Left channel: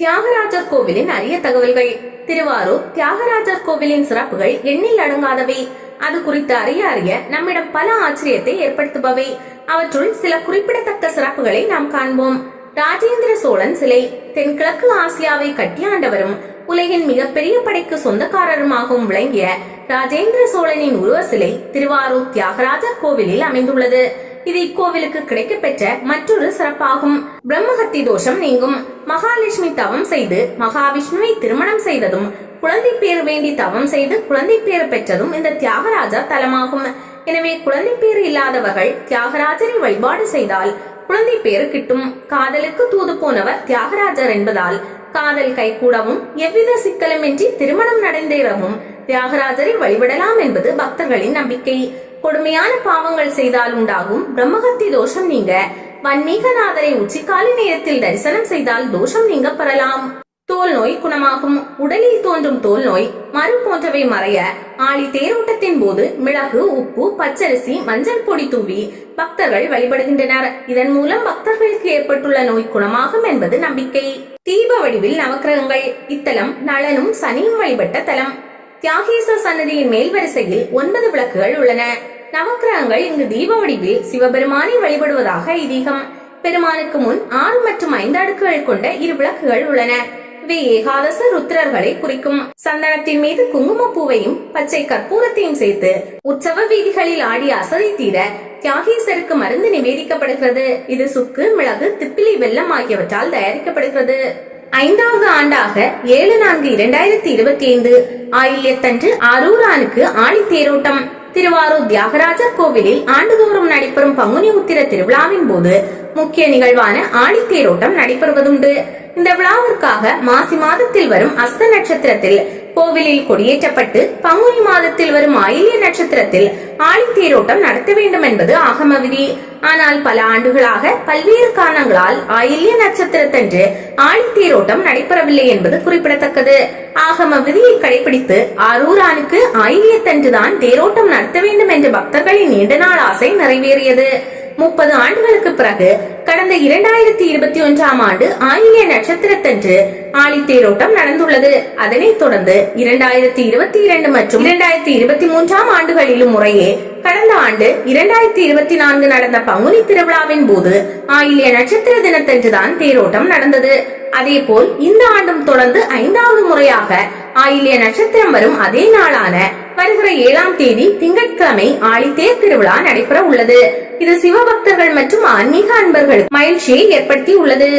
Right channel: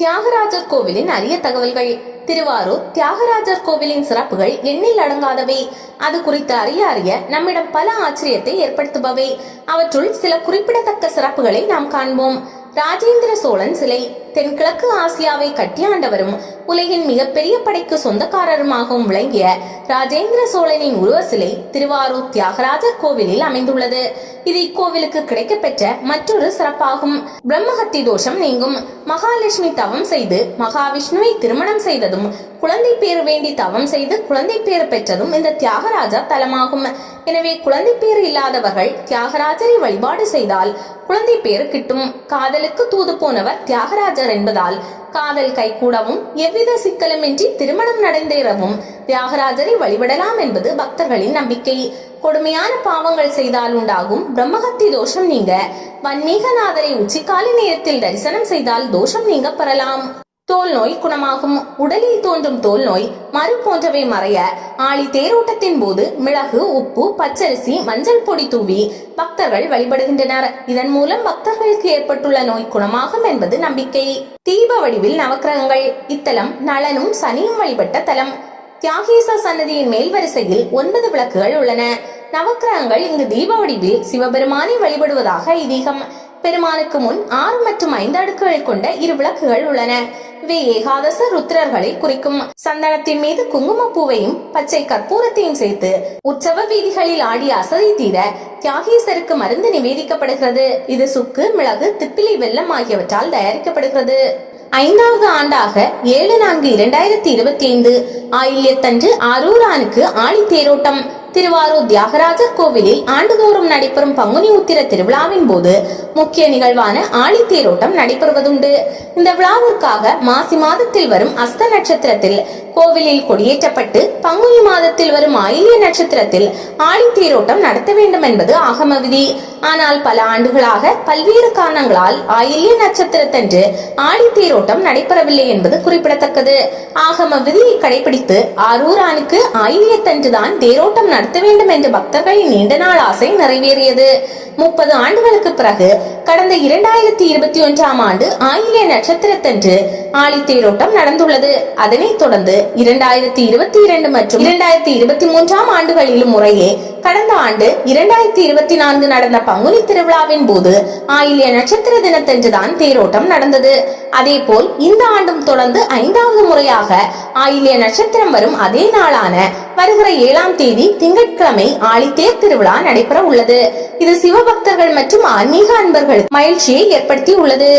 தியாகராஜர் கோவிலின் அரிய தகவல்கள். திருவாரூர் தியாகராஜர் கோவிலின் சிறப்புகள் எண்ணில் அடங்காதவை. அது குறித்து அறிய அறிய நம்மிடம் பல ஆச்சரியத்தை ஏற்படுத்துபவை. அவற்றுள் சில குறிப்பிடத்தக்க சிறப்புகளை நாம் காண்போம். ராஜேந்திர சோழன் சிலை. தென்கிழக்கு ஆசியாவை கட்டியாண்டவரும் உலகின் மிகப்பெரிய படைக்கு சொந்தக்காரருமாகவும் விளங்கிய ராஜேந்திர சோழனின் உருவ சிலை திருவாரூர் தியாகராஜர் கோவிலில் அமைந்துள்ளது. இது இக்கோவிலுக்கு கிடைக்கப்பெற்ற மற்றொரு சிறப்பாகும். பிரம்மஹத்தி தோஷம் நீங்கும். மகாலட்சுமி தவம் செய்து மகாவிஷ்ணுவை திருமணம் செய்ததும் குழந்தை பேர் வேண்டி தவம் செய்து குழந்தை பேர் பெற்றதும் இந்த தியாகராஜா தலமாகும். எனவே குழந்தை பேர் இல்லாதவர்கள் தியாகராஜரை வழிபாடு செய்தால் குழந்தை பேறு கிட்டும். காதலுக்கு தூது போனவர் தியாகராஜ தியாகராஜர் என்பதால் காதல் கைகூடவும் எவ்வித சிக்கலுமின்றி திருமணம் நடந்தேறவும் தியாகராஜரை வழிபடலாம் என்பது பக்தர்களின் நம்பிக்கை. கொடுமையான பாவங்கள் செய்தால் உண்டாகும் பிரம்மகத்தி தோஷம் நீங்க. வன்மீகநாதரை உச்சிக்காலை நேரத்தில் தரிசனம் செய்தால் தோஷம் நீங்க பெறலாம். தோல் நோய் குணமாகும். உடலில் தோன்றும் தோல் நோய் மறு போன்றவை மறைய ஆளி தேரோட்டத்தின் போது மிளகு உப்பு பச்சரிசி மஞ்சள் பொடி தூவி பக்தர்கள் வழிபடுகின்றனர். இதன் மூலம் பக்தர்களுக்கு ஏற்பட்டுள்ள நோய் குணமாகும் என்பது நம்பிக்கை. தீப வடிவில் நவக்கிரகங்கள் இத்தலம் நளனும் சனியும் வழிபட்ட தலம். தியாகேச சன்னதியின் மேல் வரிசையில் ஒன்பது விளக்குகள் உள்ளன. நவக்கிரகங்கள் இங்கு தீப வடிவில் சிவபெருமானை வழிபடுவதாக ஐதீகம். பெருமானுக்கு முன் ஆறு மற்றும் ஐந்து அடுக்குகள் கொண்ட இரு விளக்குகள் உள்ளன. இவை ஏகாதச ருத்ரர்களை குறிக்கும். சந்தனத்தின் மீது குங்குமப்பூவையும் பச்சை கற்பூரத்தையும் சேர்த்து உற்சவ வீதிகளில் ஆடி அசதி தீர தியாகேசருக்கு மருந்து நிவேதிக்கப்படுகிறது. இது சுக்கு மிளகு திப்பிலி வெல்லம் ஆகியவற்றால் தயாரிக்கப்படுகிறது. ஐந்தாவது ஆண்டாக ஏழு நான்கு இரண்டாயிரத்தி இருபத்தி ஐந்து ஆயில்யத்தன்று அரூரானுக்கு ஆணி தேரோட்டம் திருவாரூர் தியாகராஜர் கோவிலில் ஆண்டுதோறும் நடைபெறும் பங்குனி உத்திர திருவிழாவின் போது முக்கிய நிகழ்வான ஆழித்தேரோட்டம் நடைபெறுவதுண்டு. இந்த விழாவிற்காக மாசி மாதத்தில் வரும் அஸ்த நட்சத்திரத்தில் கோவிலில் கொடியேற்றப்பட்டு பங்குனி மாதத்தில் வரும் ஆயில்ய நட்சத்திரத்தில் ஆழித்தீரோட்டம் நடத்த வேண்டும் என்பது ஆகம விதி ஆனால் பல ஆண்டுகளாக பல்வேறு காரணங்களால் ஆயில்ய நட்சத்திரத்தன்று ஆழித்தீரோட்டம் நடைபெறவில்லை என்பது குறிப்பிடத்தக்கது. ஆகம விதியை கடைபிடித்து ஆரூரானுக்கு ஆயில்யத்தன்றுதான் தேரோட்டம் நடத்த வேண்டும் என்ற பக்தர்களின் நீண்ட நாள் ஆசை நிறைவேறியது. முப்பது ஆண்டுகளுக்கு பிறகு கடந்த இரண்டாயிரத்தி இருபத்தி ஒன்றாம் ஆண்டு ஆயிலிய நட்சத்திரத்தன்று ஆழித்தேரோட்டம் நடந்துள்ளது. அதனைத் தொடர்ந்து இரண்டாயிரத்தி இருபத்தி இரண்டு மற்றும் இரண்டாயிரத்தி இருபத்தி மூன்றாம் ஆண்டுகளிலும் முறையே கடந்த ஆண்டு இரண்டாயிரத்தி இருபத்தி நான்கு நடந்த பங்குனி திருவிழாவின் போது ஆயிலிய நட்சத்திர தினத்தன்றுதான் தேரோட்டம் நடந்தது. அதேபோல் இந்த ஆண்டும் தொடர்ந்து ஐந்தாவது முறையாக ஆயிலிய நட்சத்திரம் வரும் அதே நாளான வருகிற ஏழாம் தேதி திங்கட்கிழமை ஆழித்தேர் திருவிழா நடைபெற உள்ளது இது சிவபக்தர்கள் மற்றும் ஆன்மீக அன்பர்கள் மகிழ்ச்சியை ஏற்படுத்தி உள்ளது